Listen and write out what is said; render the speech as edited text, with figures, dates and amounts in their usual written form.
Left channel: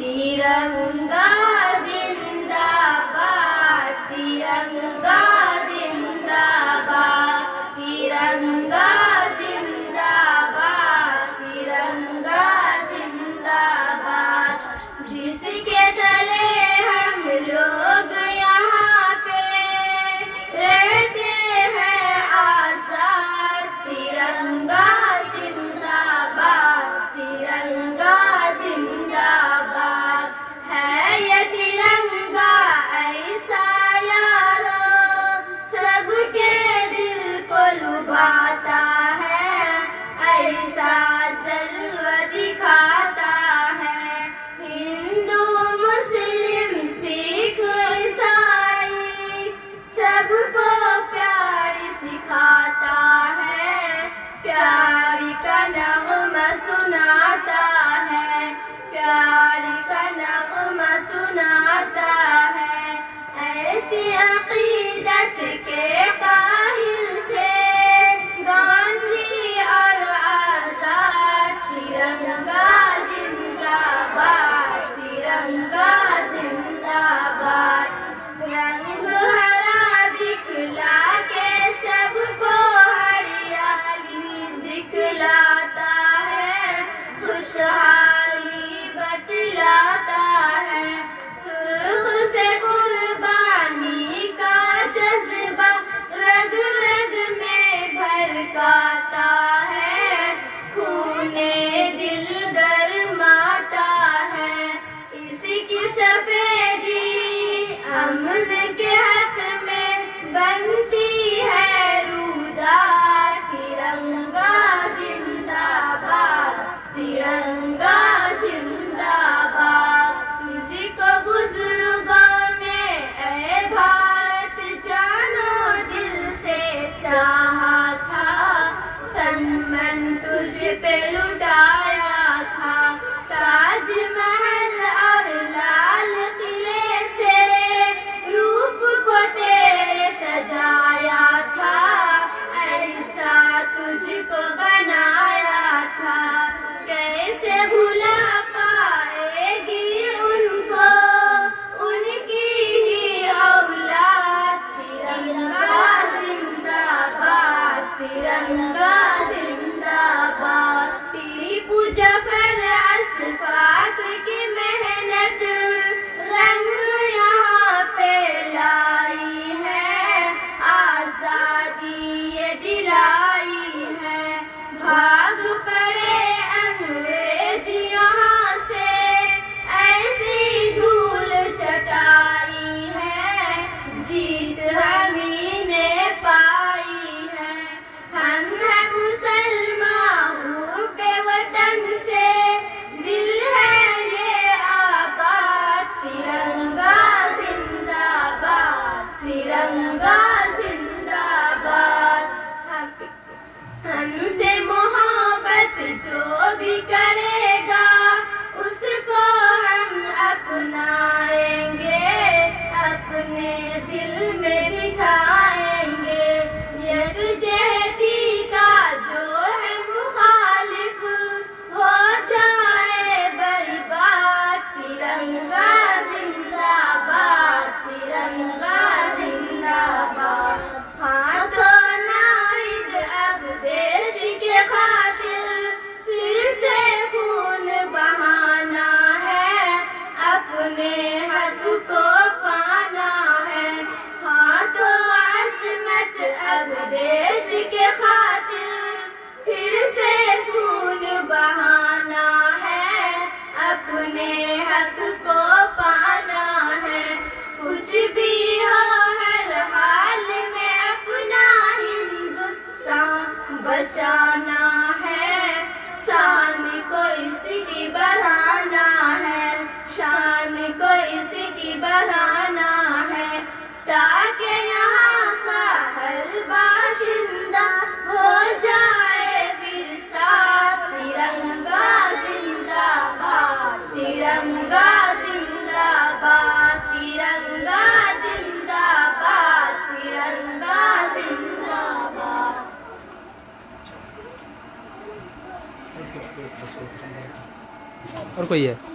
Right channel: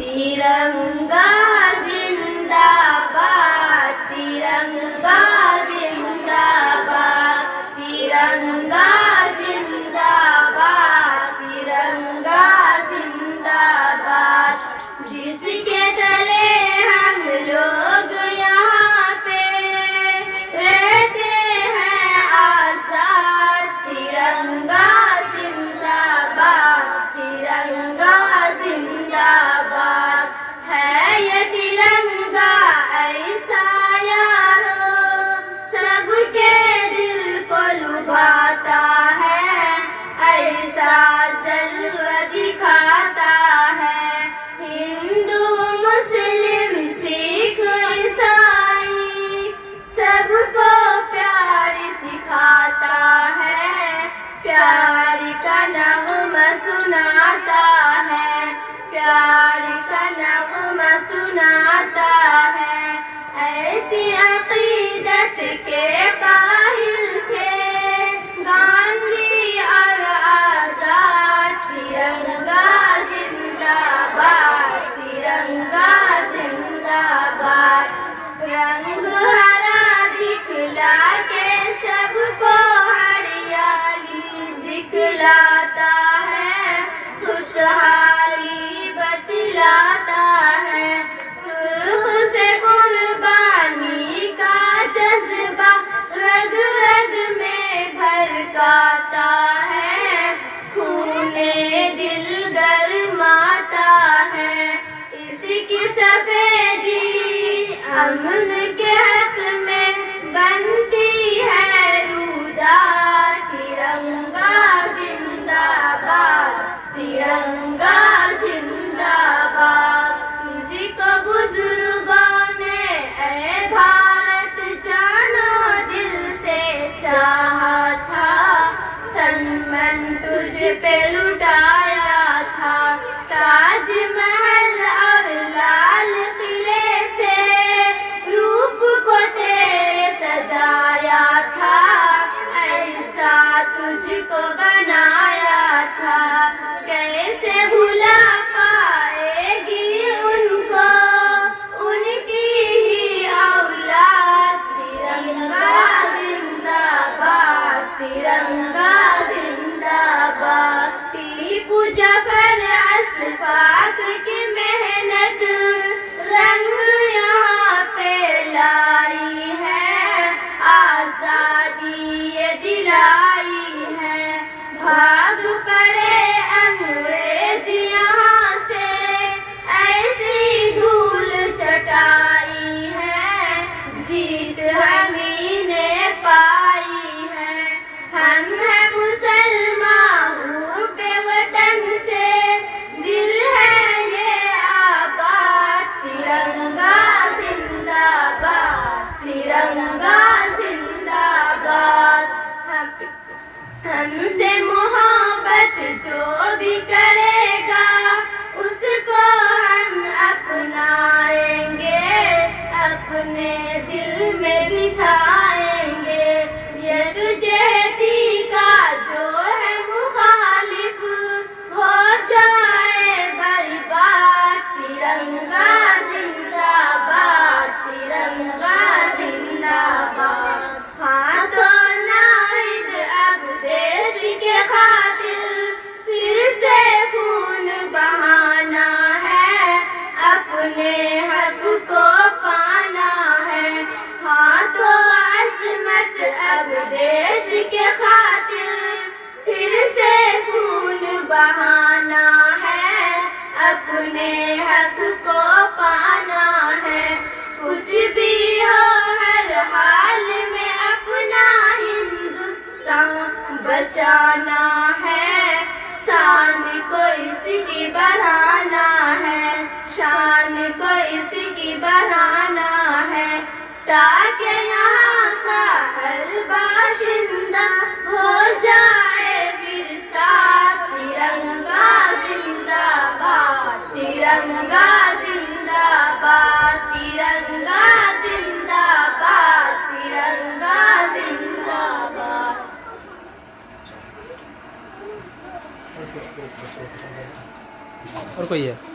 तिरंगा जिंदाबाद, तिरंगा जिंदाबाद, तिरंगा जिंदाबाद, तिरंगा जिंदाबाद। जिसके तले हम लोग यहाँ पे रहते हैं आजाद, तिरंगा जिंदाबाद, तिरंगा जिंदाबाद। है ये तिरंगा ऐसा यारो सबके दिल को लुभाता है, ऐसा जलवा दिखाता है। हिंदू मुस्लिम सिख ईसाई सबको प्यार सिखाता है, प्यार का नगमा सुनाता है, प्यार का नगमा सुनाता है। ऐसी अकीदत के काहिल से गांधी और आजाद, तिरंगा जिंदाबाद, तिरंगा जिंदाबाद। रंग हरा दिखला के सबको हरियाली दिखलाता है, खुशहाली बतलाता है। सुर्ख से कुर्बानी का जज्बा रग रग में भड़काता है, खूने दिल गरमाता है। इसकी सफेदी अमन के हक में बनती है रूदार, तिरंगा जिंदाबाद, तिरंगा जिंदाबाद। तुझको बुजुर्गों ने ऐ भारत जानो दिल से चाहा था, तन मन तुझ पे लुटाया था। ताजमहल और लाल किले से रूप को तेरे सजाया था, ऐसा तुझको बनाया था। कैसे भुला पाएगी उनको उनकी ही औलाद, तिरंगा जिंदाबाद, तिरंगा जिंदाबाद। टीपू जफर अशफाक की मेहनत रंग यहाँ पे लाई है, आजादी ये दिलाई है। भाग पड़े अंग्रेज यहाँ से, ऐसी धूल चटाई है, जीत हमी ने पाई है। हम है मुसलमान पे वतन से दिल है ये आबाद, तिरंगा जिंदाबाद, तिरंगा जिंदाबाद। हमसे मोहब्बत जो भी करेगा उसको हम अपनाएंगे, अपने दिल में बिठाएंगे। यकजहती का जो है मुखालिफ हो जाए बर्बाद, तिरंगा जिंदाबाद, तिरंगा जिंदाबाद। हाथों नाहिद अब देश के खातिर फिर से खून बहाना है, अपने हक को पाना है। हाथों अजमत अब देश के खातिर फिर से खून बहाना है, अपने हक को पाना है। कुछ भी हो हर हाल में अपना हिंदुस्तान बचाना है, शान को इसकी बढ़ाना है, शान को इसकी बढ़ाना है। ताकि यहाँ का हर बाशिंदा हो जाए फिर साथ, तिरंगा जिंदाबाद, तिरंगा जिंदाबाद, तिरंगा जिंदाबाद, तिरंगा जिंदाबाद। और कोई है?